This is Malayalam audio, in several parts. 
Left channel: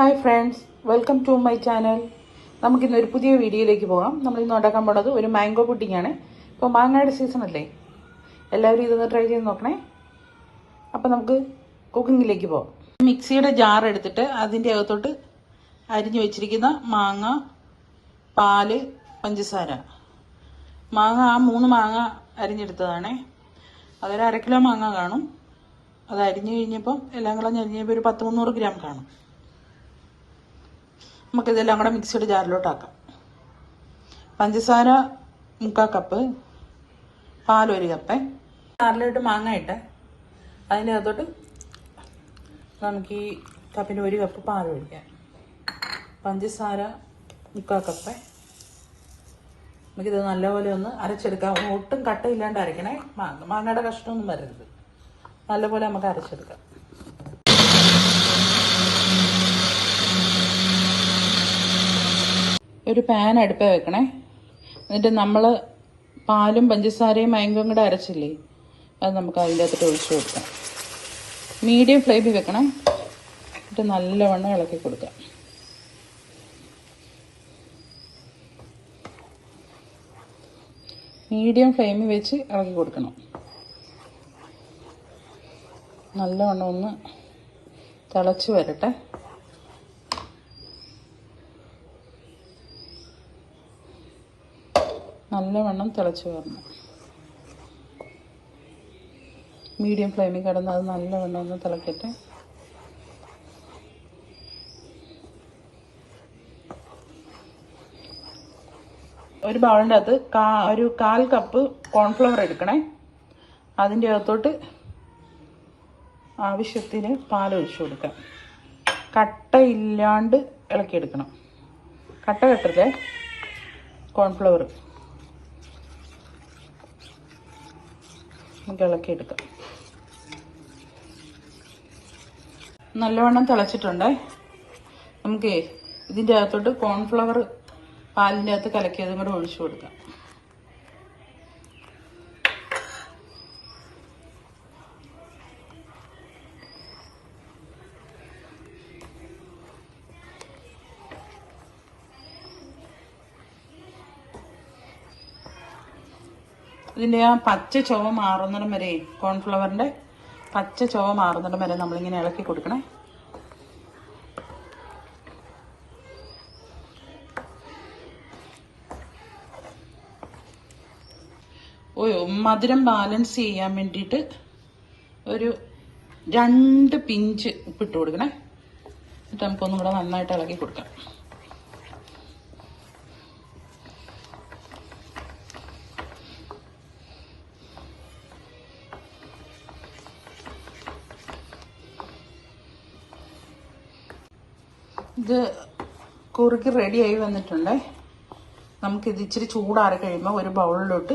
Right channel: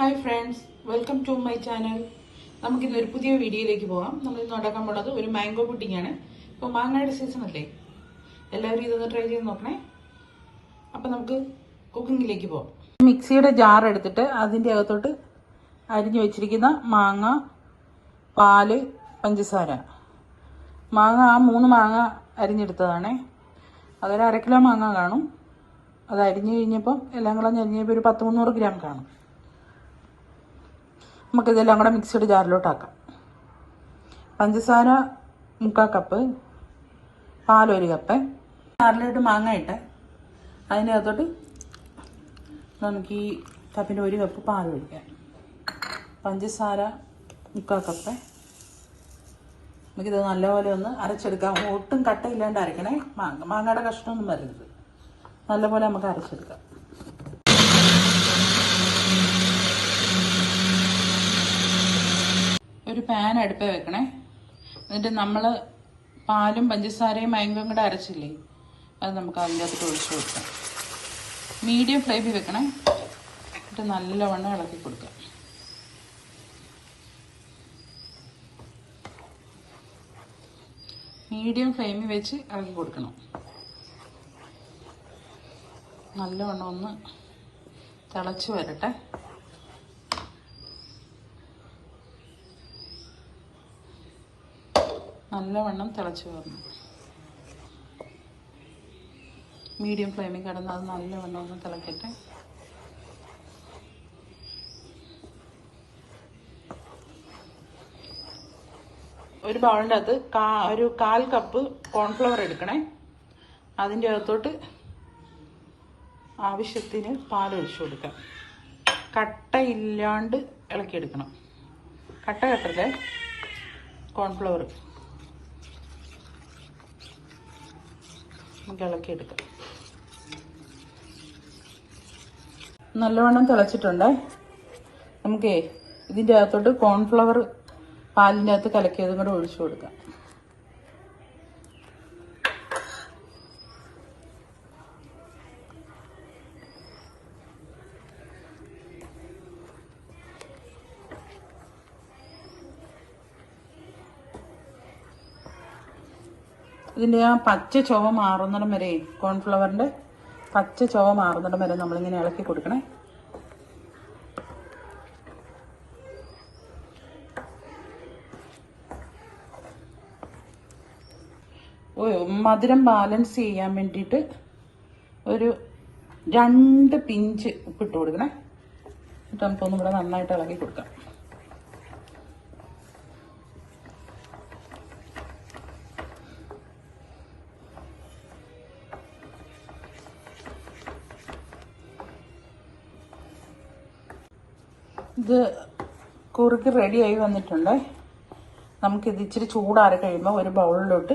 Hi friends welcome to my channel നമുക്കിന്ന് ഒരു പുതിയ വീഡിയോയിലേക്ക് പോകാം. നമ്മൾ ഇന്ന് ഉണ്ടാക്കാൻ പോണത് ഒരു മാംഗോ പുഡിംഗ് ആണ്. ഇപ്പോൾ മാങ്ങയുടെ സീസൺ അല്ലേ? എല്ലാവരും ഇതൊന്ന് ട്രൈ ചെയ്ത് നോക്കണേ. അപ്പോൾ നമുക്ക് കുക്കിങ്ങിലേക്ക് പോകാം. മിക്സിയുടെ ജാർ എടുത്തിട്ട് അതിന്റെ അകത്തോട്ട് അരിഞ്ഞു വെച്ചിരിക്കുന്ന മാങ്ങ പാൽ പഞ്ചസാര. മാങ്ങ ആ മൂന്ന് മാങ്ങ അരിഞ്ഞെടുത്തതാണേ. അതൊരു അര കിലോ മാങ്ങ കാണും. അത് അരിഞ്ഞു കഴിഞ്ഞപ്പം എല്ലാം കളഞ്ഞ് അരിഞ്ഞപ്പോൾ ഒരു പത്ത് മുന്നൂറ് ഗ്രാം കാണും. നമുക്കിതെല്ലാം കൂടെ മിക്സ്ഡ് ജാറിലോട്ടാക്കാം പഞ്ചസാര മുക്കാൽ കപ്പ് പാലൊരു കപ്പ് ജാറിലോട്ട് മാങ്ങ ഇട്ട് അതിന്റെ അകത്തോട്ട് നമുക്ക് ഈ കപ്പിന് ഒരു കപ്പ് പാൽ ഒഴിക്കാം. പഞ്ചസാര മുക്കാൽ കപ്പ് നമുക്കിത് നല്ലപോലെ ഒന്ന് അരച്ചെടുക്കാം. ഒട്ടും കട്ടയില്ലാണ്ട് അരക്കണേ മാങ്ങ മാങ്ങയുടെ കഷ്ണമൊന്നും വരരുത് നല്ലപോലെ നമുക്ക് അരച്ചെടുക്കാം. ഒരു പാൻ അടുപ്പേ വെക്കണേ. എന്നിട്ട് നമ്മൾ പാലും പഞ്ചസാരയും മയങ്കും കൂടെ അരച്ചില്ലേ അത് നമുക്ക് അതിന്റെ അകത്തോട്ട് ഒഴിച്ചു കൊടുക്കാം. മീഡിയം ഫ്ലെയിമിൽ വെക്കണേ. എന്നിട്ട് നല്ലവണ്ണം ഇളക്കി കൊടുക്കാം. മീഡിയം ഫ്ലെയിമിൽ വെച്ച് ഇളക്കി കൊടുക്കണം. നല്ലവണ്ണം ഒന്ന് തിളച്ച് വരട്ടെ. നല്ലവണ്ണം തിളച്ച് വരണം. മീഡിയം ഫ്ലെയിമിൽ കിടന്ന് അത് നല്ലവണ്ണം ഒന്ന് തിളക്കട്ടെ. ഒരു ബൗളിന്റെ അകത്ത് കാ ഒരു കാൽ കപ്പ് കോൺഫ്ലവർ എടുക്കണേ. അതിന്റെ അകത്തോട്ട് ആവശ്യത്തിന് പാലൊഴിച്ചു കൊടുക്കാം. കട്ടയില്ലാണ്ട് ഇളക്കിയെടുക്കണം. കട്ട കട്ടല്ലേ കോൺഫ്ലവർ. നമുക്ക് ഇളക്കിയെടുക്കാം നല്ലവണ്ണം തിളച്ചിട്ടുണ്ട്. നമുക്ക് ഇതിന്റെ അകത്തോട്ട് കോൺഫ്ലവർ പാലിന്റെ അകത്ത് കലക്കിയതും കൂടെ ഒഴിച്ചു കൊടുക്കാം. ഇതിന്റെ ആ പച്ച ചുവ മാറുന്നിടം വരെ കോൺഫ്ലവറിന്റെ പച്ച ചുവ മാറുന്നിടം വരെ നമ്മളിങ്ങനെ ഇളക്കി കൊടുക്കണേ. മധുരം ബാലൻസ് ചെയ്യാൻ വേണ്ടിയിട്ട് ഒരു രണ്ട് പിഞ്ച് ഉപ്പിട്ട് കൊടുക്കണേ. എന്നിട്ട് നമുക്കൊന്നും കൂടെ നന്നായിട്ട് ഇളക്കി കൊടുക്കാം. ഇത് കുറുക്കി റെഡിയായി വന്നിട്ടുണ്ട്. നമുക്കിത് ഇച്ചിരി ചൂടാറി കഴിയുമ്പോൾ ഒരു ബൗളിലോട്ട്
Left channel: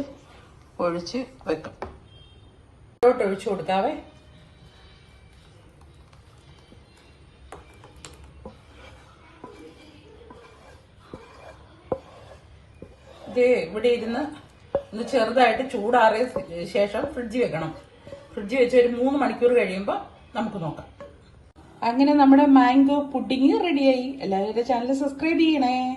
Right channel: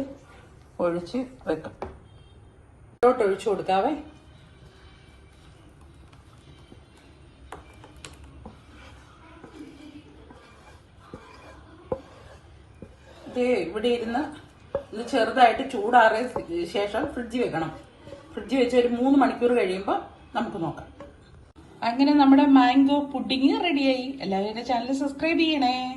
ഒഴിച്ച് വെക്കാം. ഇതിലോട്ട് ഒഴിച്ചു കൊടുക്കാവേ. ഇത് ഇവിടെ ഇരുന്ന് ഇത് ചെറുതായിട്ട് ചൂടാറിയ ശേഷം ഫ്രിഡ്ജ് വെക്കണം. ഫ്രിഡ്ജ് വെച്ച് ഒരു മൂന്ന് മണിക്കൂർ കഴിയുമ്പോൾ നമുക്ക് നോക്കാം. അങ്ങനെ നമ്മുടെ മാംഗോ പുഡിങ് റെഡിയായി. എല്ലാവരും ചാനൽ സബ്സ്ക്രൈബ് ചെയ്യണേ.